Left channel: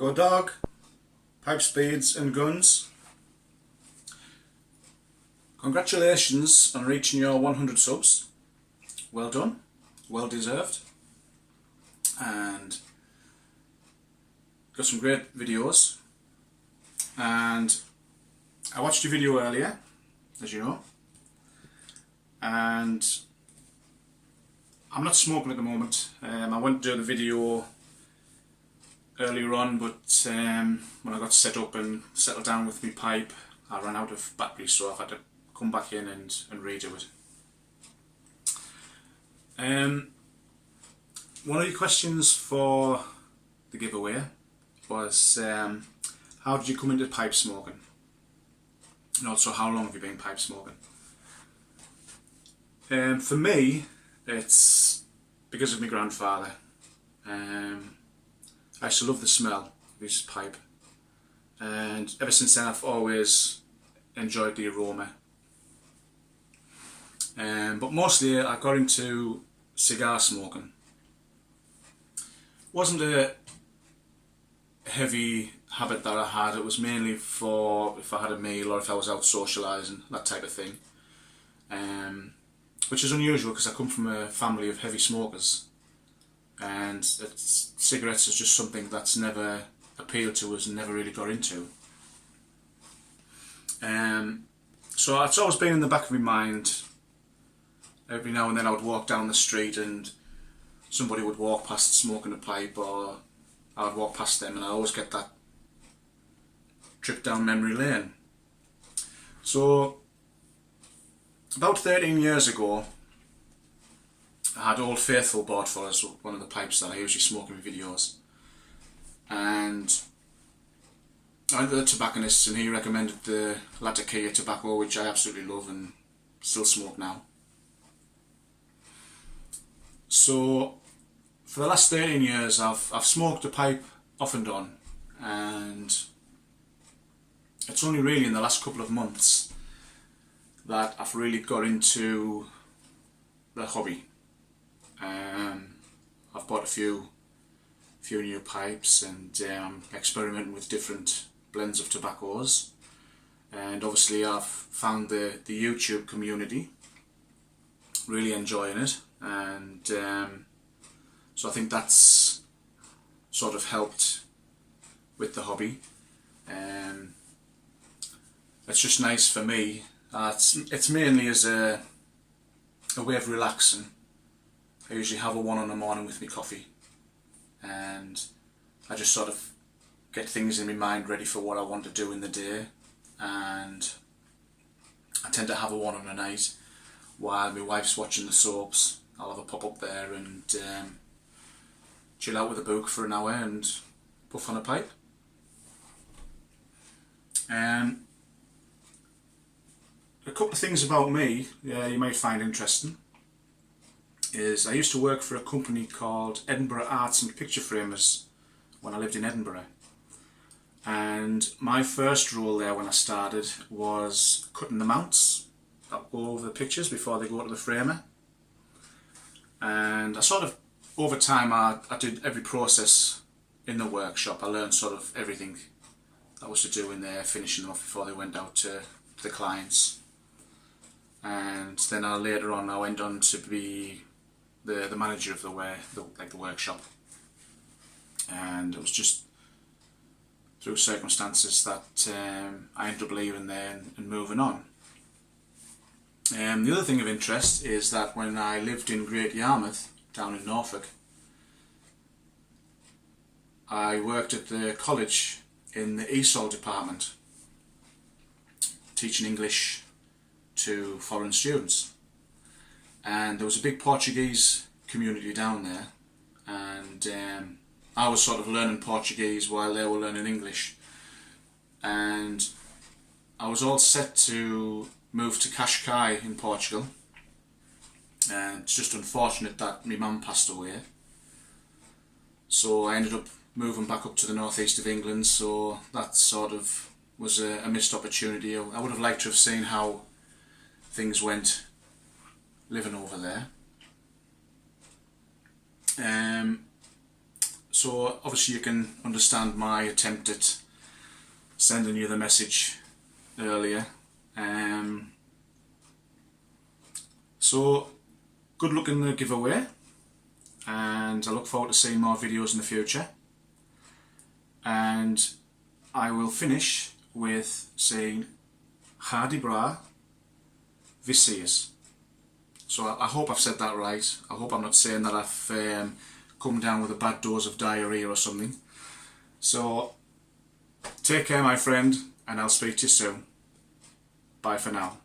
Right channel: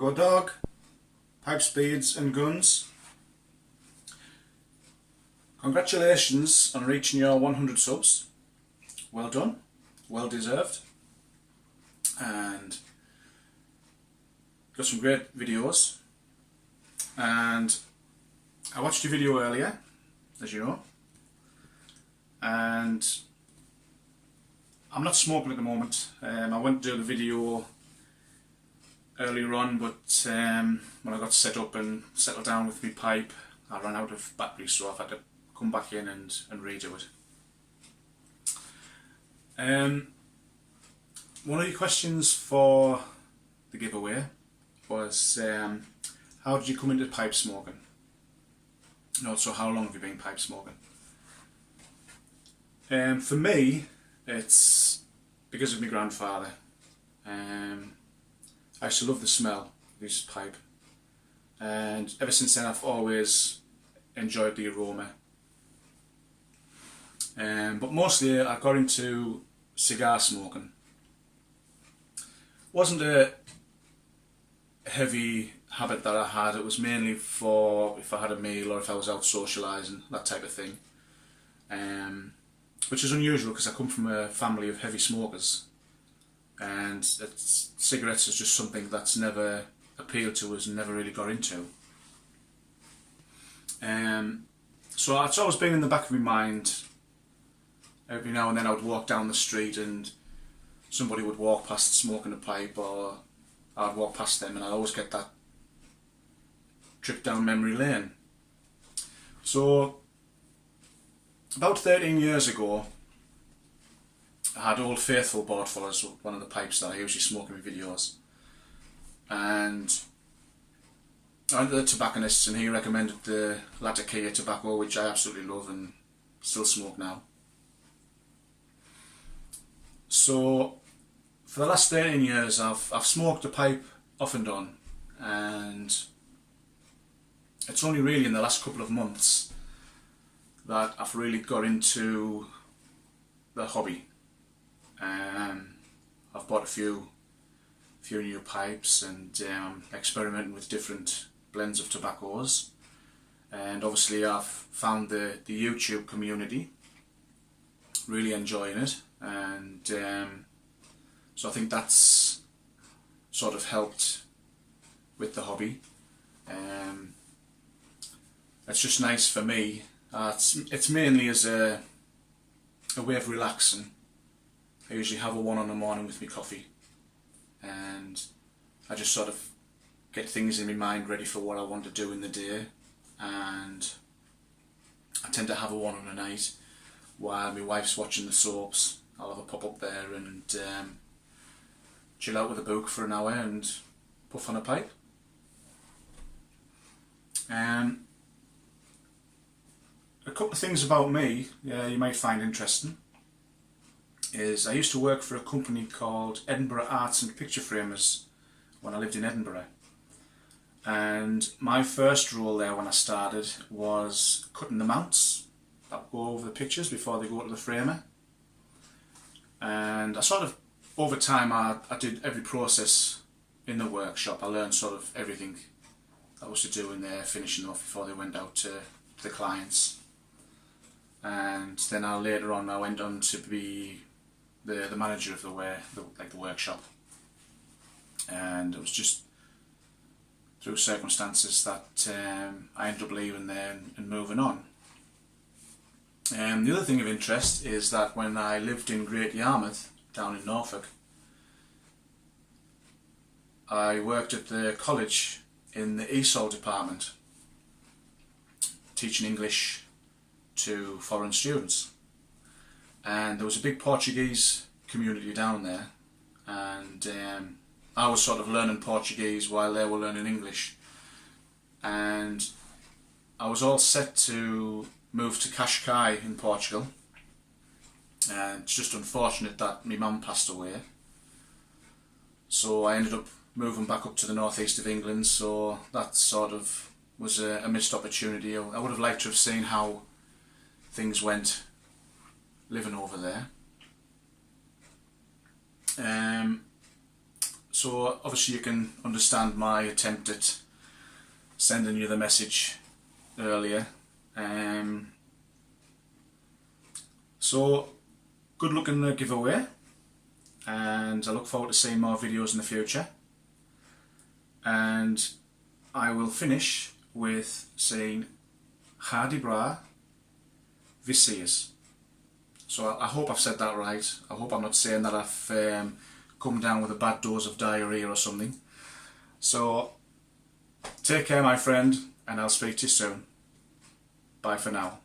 Go dog, pipe speeds and guns. Congratulations on reaching your 100 subs. Well done, well deserved. And got some great videos. And I watched your video earlier, as you know. And I'm not smoking at the moment. I went to do the video earlier on, but when I got set up and settled down with my pipe, I ran out of battery, so I've had to come back in and redo it. One of the questions for the giveaway was how did you come into pipe smoking? And also, how long have you been pipe smoking? For me, it's because of my grandfather. I used to love the smell of his pipe, and ever since then I've always enjoyed the aroma. But mostly I got into cigar smoking. Wasn't a heavy habit that I had. It was mainly for if I had a meal or if I was out socialising, that type of thing. Which is unusual because I come from a family of heavy smokers, and cigarettes is just something that's never appealed to us and never really got into. So it's always been in the back of my mind. Every now and then I would walk down the street and somebody would walk past smoking a pipe, or I'd walk past them, and I always get that trip down memory lane. So about 13 years ago, I had Old Faithful bought for us, one of the pipes that I usually smoke in my videos. And I went to the tobacconist and he recommended the Latakia tobacco, which I absolutely love and still smoke now. So for the last 13 years I've smoked a pipe off and on, and it's only really in the last couple of months that I've really got into the hobby. I've bought a few new pipes, and I'm experimenting with different blends of tobaccos, and obviously I've found the YouTube community, really enjoying it, and so I think that's sort of helped with the hobby. It's just nice for me. It's mainly as a way of relaxing. I usually have a one in the morning with my coffee, and I just sort of get things in my mind ready for what I want to do in the day, and I tend to have a one on a night while my wife's watching the soaps. I'll have a pop up there and chill out with a book for an hour and puff on a pipe. A couple of things about me you might find interesting is I used to work for a company called Edinburgh Arts and Picture Framers when I lived in Edinburgh, and my first role there when I started was cutting the mounts that would go over the pictures before they go to the framer. And I sort of, over time, I did every process in the workshop. I learned sort of everything that was to do in there, finishing them off before they went out to the clients. And then later on I went on to be the manager of the workshop, and it was just through circumstances that I ended up leaving there and moving on. The other thing of interest is that when I lived in Great Yarmouth down in Norfolk, I worked at the college in the ESOL department, teaching English to foreign students, and there was a big Portuguese community down there, and I was sort of learning Portuguese while they were learning English, and I was all set to move to Cascais in Portugal, and it's just unfortunate that my mum passed away, so I ended up moving back up to the northeast of England. So that sort of was a missed opportunity. I would have liked to have seen how things went living over there. So obviously you can understand my attempt at sending you the message earlier. So good luck in the giveaway, and I look forward to seeing more videos in the future. And I will finish with saying Hardy Bra Viseas. So I hope I've said that right. I hope I'm not saying that I've come down with a bad dose of diarrhea or something. So take care, my friend, and I'll speak to you soon. Bye for now.